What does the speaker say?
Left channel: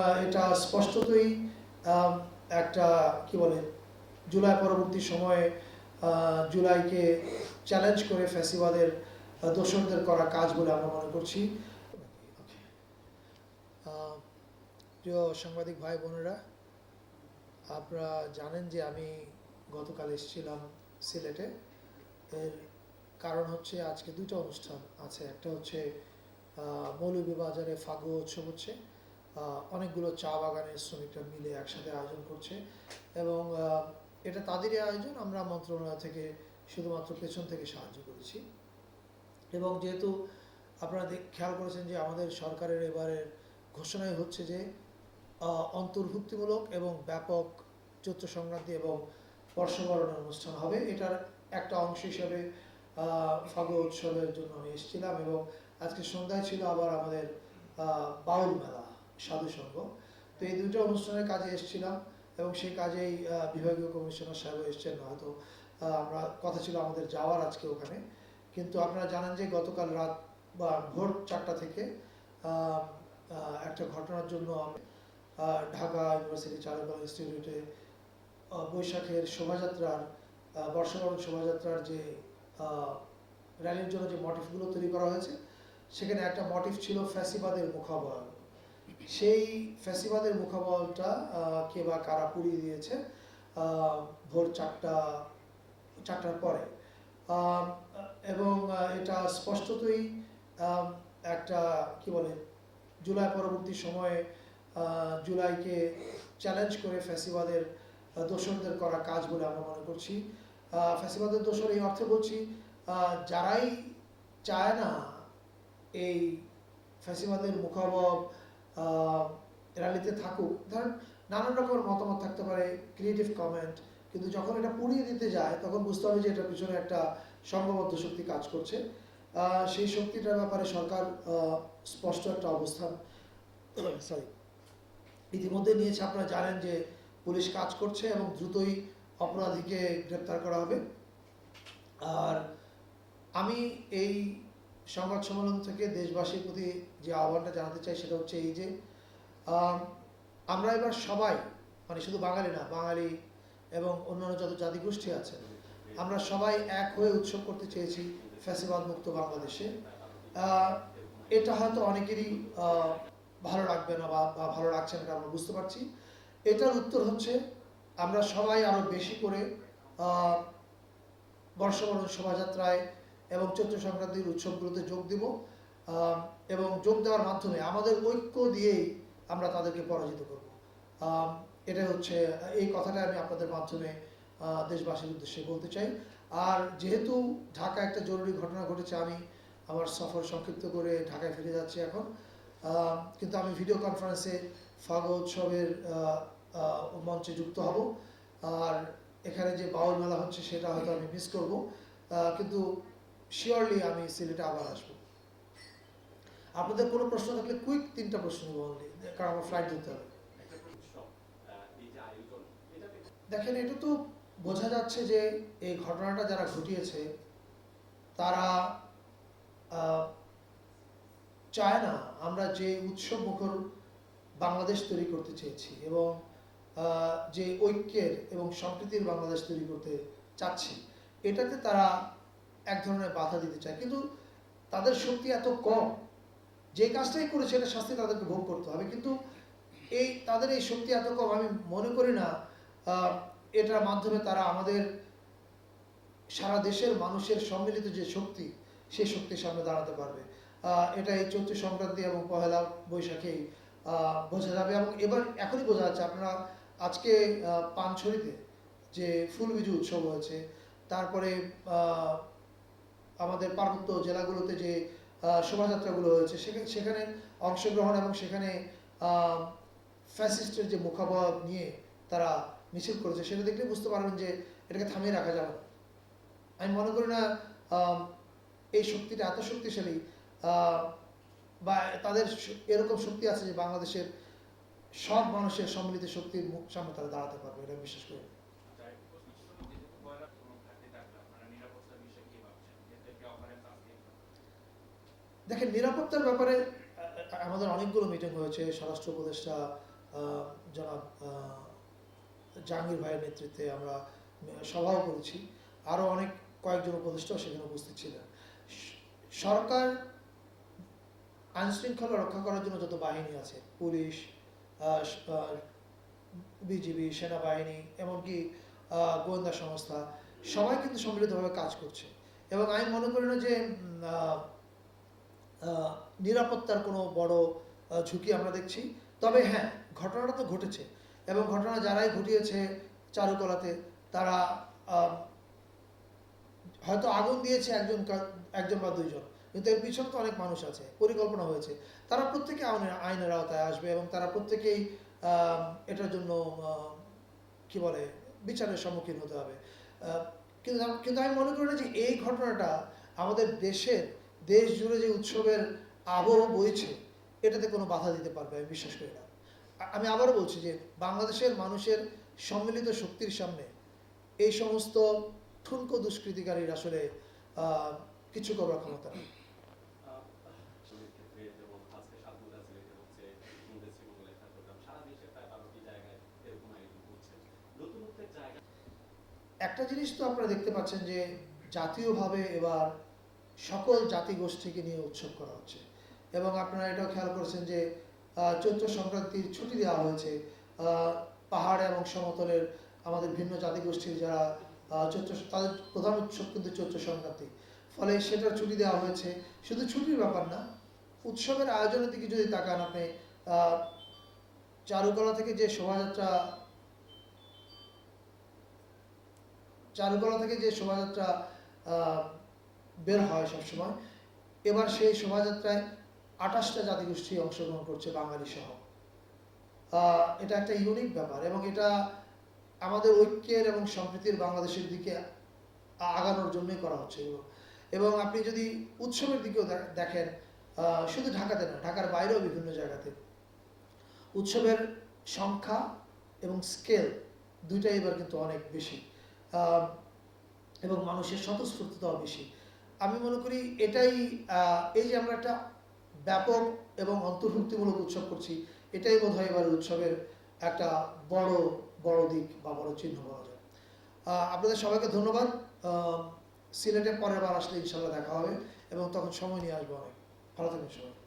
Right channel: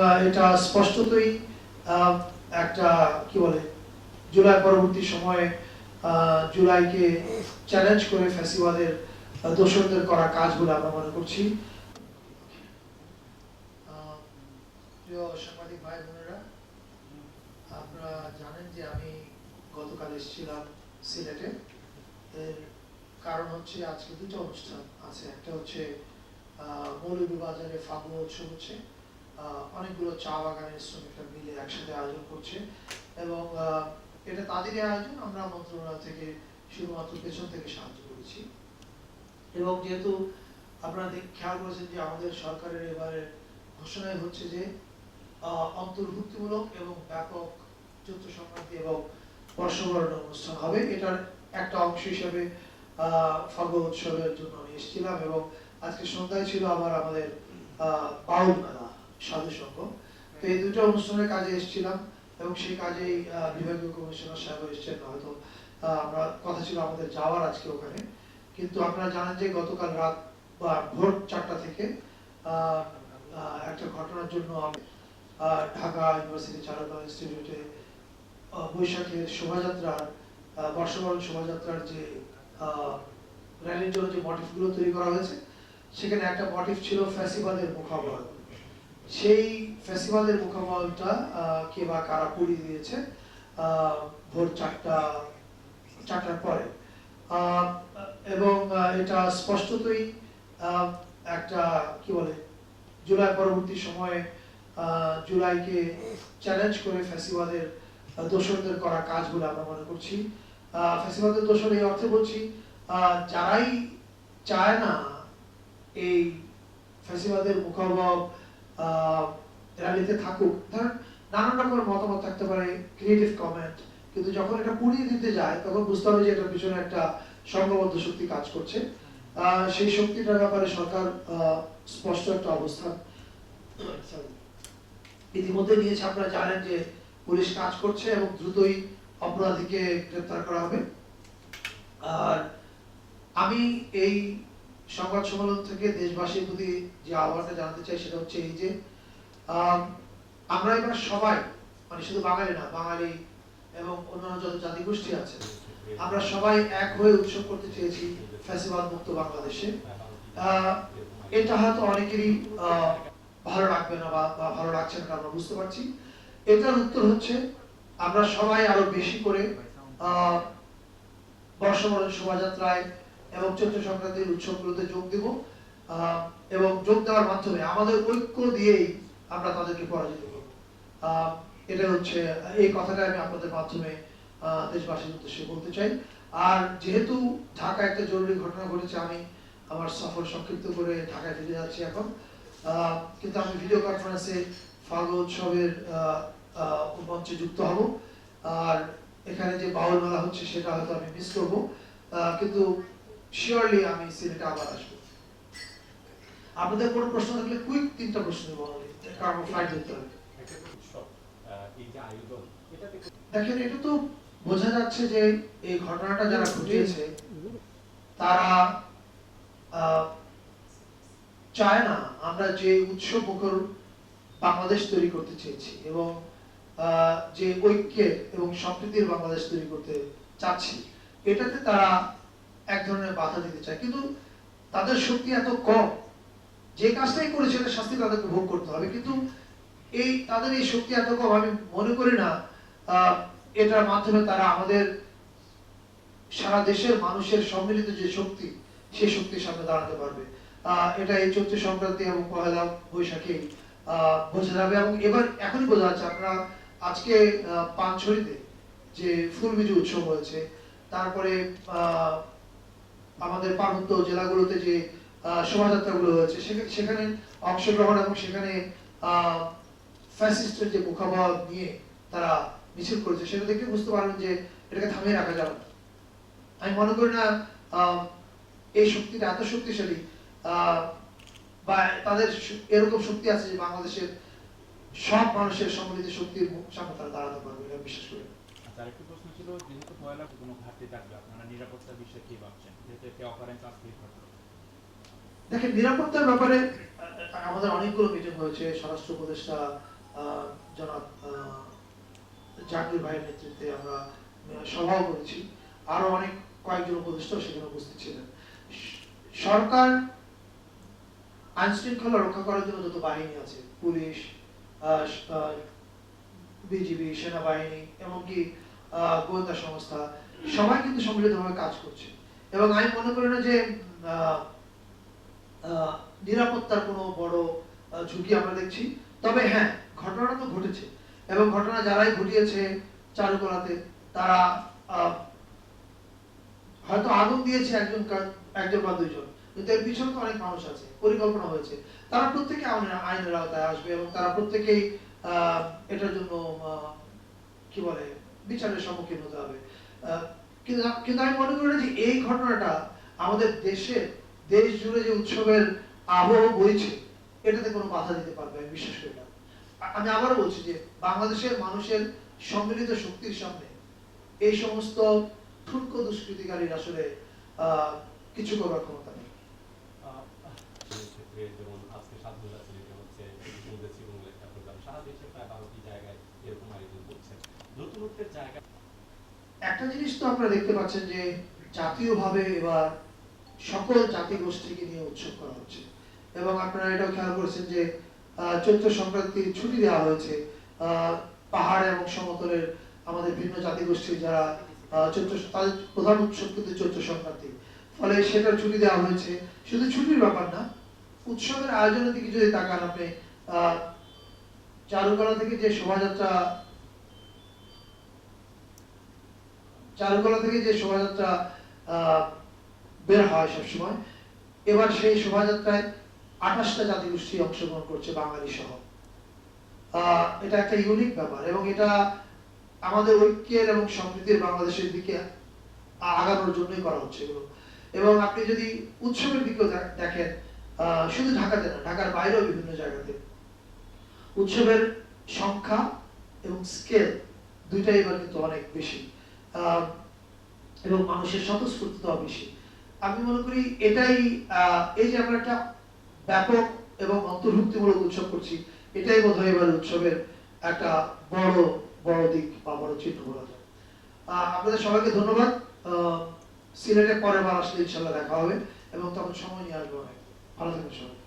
এটা স্পষ্টতই একটা কি বলে জুলাই পরবর্তী সময়ে জুলাইকে চ্যালেঞ্জ করে ফ্যাসিবাদের আহ, করা কাজগুলো আমরা মনে করছি। প্রিয় সাংবাদিক ভাই বোনেরা আপনারা জানেন যে আমি গতকাল এসেছিলাম সিলেটে। এর কারণ হচ্ছে আজকে দুটো অনুষ্ঠান আছে। একটা হচ্ছে মৌলভীবাজারে ফাগুয়া উৎসব হচ্ছে। অনেকগুলো চা বাগানের শ্রমিকরা মিলে একসাথে আয়োজন করছে এবং এটা তাদেরই আয়োজন, আমরা মন্ত্রণালয় থেকে শুধুমাত্র পেছন থেকে সাহায্য করেছি। এবং যেহেতু আপনারা খেয়াল করেছেন যে আমাদের সরকারের এবারে ঘোষণাই হচ্ছে যে অন্তর্ভুক্তিমূলক এবং ব্যাপক চৈত্র সংক্রান্তি এবং বর্ষবরণ অনুষ্ঠান হবে। এটার একটা অংশ হিসেবে ফাল্গুন উৎসবের জন্য এসেছিলাম এবং আজকে সন্ধ্যায় ছিল আবার আমাদের বাউল মেলা। সাধু তো এই দুটো অনুষ্ঠানের কাজে এসেছিলাম এবং সেই কাজেই বিভাগীয় কমিশনার সাহেব এসেছেন, হয়তো আমরা কথা ছিল আমাদের যাওয়ার আজকে ওখানে। কিন্তু আপনারা জানেন যে গতকাল রাত বা ভোর চারটা থেকে একটা ঘটনার জন্য ঢাকা ইউনিভার্সিটি চারুকলা ইনস্টিটিউটে বৈশাখের শোভাযাত্রার বর্ষবরণ শোভাযাত্রার যে র্যালির জন্য যে মোটিভগুলো তৈরি করা হয়েছে, সেখানে একটা মোটিভ ছিল ফ্যাসিবাদের মুখাবহার সেই মুখাবহারটা আহ, কে বা কারা পুড়িয়ে দিয়েছে ভোর চারটা চারটার পরে। এবং এটা স্পষ্টতই একটা কি বলে জুলাই পরবর্তী সময়ে জুলাইকে চ্যালেঞ্জ করে ফ্যাসিবাদের আহ, করা কাজ কাজগুলো আমরা মনে করছি। ফ্যাসিবাদের দোসর এই অর্থে বলছি যারাই চায় না এই ফ্যাসিবাদের মুখাবহ র্যালিতে থাকুক। ধরেন নানান রকমের মতামত থাকতে পারে ক্রিয়েটিভ কমেন্ট কিন্তু যখন এটা পুড়িয়ে দিতে যায়, তখন বুঝতে হবে যে এটার পিছনে একটা সংঘবদ্ধ শক্তি কাজ করছে। সেই শক্তিটার ব্যাপারে সরকার স্পষ্ট একটা অবস্থান ইতিমধ্যে নিয়েছে আপনারা জানেন যে পুলিশ কাজ করছে এবং দ্রুতই অপরাধীকে গ্রেপ্তার করা হবে। আর আমি এই সংবাদ সম্মেলন থেকে দেশবাসীর প্রতি যে আহ্বানটা জানতে চাই সেটা হচ্ছে এই যে আম, আমরা এবার সবাই মানে শুধু বাঙালি না বাঙালি এবং অন্যান্য যত জাতিগোষ্ঠী আছে আমরা সবাই এক হয়ে উৎসব করতে চেয়েছি ফ্যাসিবাদ মুক্ত বাংলাদেশে। এটা হয়তো অনেকেরই ভালো লাগবে না বা ভালো লাগছে না আমরা বুঝতে পারছি। এটার উত্তর হচ্ছে আমরা সবাই আরও বেশি করে বর্ষবরণ শোভাযাত্রায় এবং চৈত্র সংক্রান্তির উৎসবগুলোতে যোগ দিব এবং যোগ দেওয়ার মাধ্যমে আমাদের ঐক্য দিয়েই আমরা তাদেরকে পরাজিত করব। এটা হচ্ছে, এই কথাটা আমি আপনাদের মাধ্যমে দেশবাসীর উদ্দেশ্যে বলতে চাই। আর যেহেতু ঢাকা একটা জরুরি ঘটনা ঘটেছে, আমি আমার সফর সংক্ষিপ্ত করে ঢাকায় ফিরে যাচ্ছি এখন। কিন্তু আমি ভিডিও কনফারেন্সে ফাগু উৎসবের মঞ্চে যুক্ত হব। আর এখানে যে বাউল মেলা হচ্ছে, সেটা হয়তো আমি মিস করব। কিন্তু শিওরলি আমি সিলেটে আবার আসব। আপনাদের কোনো প্রশ্ন থাকলে কুইক তিনটা প্রশ্ন কারণ ফ্লাইট ধরতে হবে। দেখেন, এটা তো বোঝা যাচ্ছে যে এই ঘটনাটা যারা ঘটিয়েছে, তারা চায় না আমরা যে উৎসব মুখর বাংলাদেশ তৈরি করতে চেয়েছি এবং যে ঐক্যের এবং সম্প্রীতির বাংলাদেশ তৈরি করতে চাচ্ছি, এটাতে তারা এক ধরনের বাধা দিতে চায়। কিন্তু তাদের শক্তি এত কম যে কাজটাই করেছে এটা শাস্তি তাদেরকে ভোগ করতে হবে। কিন্তু এই তাদের এই শক্তি এত কম আমি মনে করি না এটার মাধ্যমে তারা আমাদের সারা দেশের মানুষের সম্মিলিত যে শক্তি সেই শক্তির সামনে দাঁড়াতে পারবে। এটা এই চৈত্র সংক্রান্তি এবং পহেলা বৈশাখে বোঝা যাবে। এবং এবার এখনই বোঝা যাচ্ছে আপনারা আজকে আহ, পানছড়িতে যে ফুল বিজু উৎসব হয়েছে তারপরে আমাদের পার্বত্য জেলাগুলোতে যে শোভাযাত্রাগুলো হয়েছে সেখানে অংশগ্রহণ এবং সেখানে ফ্যাসিস্টের যে মুখাবহ নিয়ে তারা মিছিল করেছে, সেটা দেখে বুঝতে পারবেন যে এটাকে থামিয়ে রাখা যাবে আমি মনে করি না এই শক্তিটা এত শক্তিশালী বা তাদের এরকম শক্তি আছে যে বাংলাদেশের সব মানুষের সম্মিলিত শক্তির সামনে তারা দাঁড়াতে পারবে, এটা বিশ্বাস করি ছিল যেহেতু পয়লা কোনো ঘাটতি থাকবে আপনারা নিরাপত্তার বিষয়ে কি ভাবছেন যেহেতু অকারেন্স আজকে ঘটনা দেখেন, নিরাপত্তার ব্যাপারে আমাদের অনেকগুলো মিটিং হয়েছে, স্বরাষ্ট্র উপদেষ্টা জনাব জাহাঙ্গীর ভাইয়ের নেতৃত্বে আমরা সভাও করেছি। আরও অনেক কয়েকজন উপদেষ্টা সেখানে উপস্থিত ছিলেন। সরকার আইন শৃঙ্খলা রক্ষা করার জন্য যত বাহিনী আছে, পুলিশ বিজিবি, সেনাবাহিনী, এমনকি গোয়েন্দা সংস্থা, সবাই কিন্তু সম্মিলিতভাবে কাজ করছে। এবং আমি মনে করি না যে নিরাপত্তার কোনো বড় ঝুঁকি আমরা দেখছি। তবে হ্যাঁ ঘটনাটা তো ঘটেছে। এবং ঘটনা যারাই ঘটিয়েছে চারুকলাতে, তারা হয়তো আগুন দিয়েছে একজন একজন বা দুইজন। কিন্তু এর পিছনে তো অনেক মানুষ আছে, পরিকল্পনা হয়েছে। তারা প্রত্যেকে আইনের আইনের আওতায় আসবে এবং তারা প্রত্যেকেই এটার জন্য কি বলে বিচারের সম্মুখীন হতে হবে। কিন্তু আমি মনে করি যে এই ঘটনাটা আমাদের দেশের দেশ জুড়ে যে উৎসবের আবহ বইছে, এটাতে কোনো বাধা দিতে পারবে আমি বিশ্বাস করি না। আমি আবার বলছি যে বাংলাদেশের মানুষের সম্মিলিত শক্তির সামনে এই সমস্ত ঠুনকো দুষ্কৃতিকারীর আসলে কিছু করার ক্ষমতা নেই আহ, সেই ক্ষেত্রে যেমন আজকে স্বাধীনতা সিলেটে হচ্ছে হিন্দুদের শ্রীমঙ্গল একটা প্রোগ্রাম সারা দেশে প্রায় বারোটি জায়গায় এরকম আয়োজন করছে নতুনত্বের জায়গা একটা জিনিস তো আপনারা দেখতে পাচ্ছেন যে জাতীয়ভাবে এবার সকল জাতি গোষ্ঠীকে নিয়ে উৎসব করা হচ্ছে। এবং আপনারা খেয়াল করেছেন যে চৈত্র সংক্রান্তির ছুটি দেওয়া হয়েছে। পাহাড় এবং সমতলের আমাদের ভিন্ন জাতি গোষ্ঠীর যারা চৈত্র তাদের প্রধান উৎসব কিন্তু চৈত্র সংক্রান্তি। ফলে সেটা ছুটি দেওয়া হয়েছে। শুধু ছুটির ব্যাপার না, উৎসবের আয়োজনের দিকে যদি তাকান আপনি চারুকলা থেকে যে শোভাযাত্রা চারুকলা থেকে যে শোভাযাত্রা বের হয় সবসময়, এবার সেই শোভাযাত্রায় আঠাশটা জাতিগোষ্ঠী অংশগ্রহণ করছে বাঙালি সহ। এটা একটা ইউনিক ব্যাপার এবং এটা আমাদের ঐক্যের এবং সম্প্রীতির বাংলাদেশের দিকে আগানোর জন্যই করা হচ্ছে। এগুলো এবং আপনি যদি উৎসবের দিকেও দেখেন শুধু ঢাকাতে না, ঢাকার বাইরেও বিভিন্ন জায়গাতে উৎসবের সংখ্যা এবং স্কেল দুইটাই এবার কিন্তু অনেক বেশি। এবং মানুষের স্বতঃস্ফূর্ততাও বেশি আমি মনে করি এটাই এই যে আমরা একটা ব্যাপক এবং অন্তর্ভুক্তিমূলক উৎসব করছি, এটাই বোধ হয় এবার উৎসবের একটা বড় বড় দিক বা বড় চিহ্ন বলা যায়। আপনাদের সবাইকে ধন্যবাদ। সিলেটে পরের বার আসলে ইনশাল্লাহ দেখা হবে এবং তখন সময় নিয়ে আসব অনেক। ভালো থাকবেন সবাই।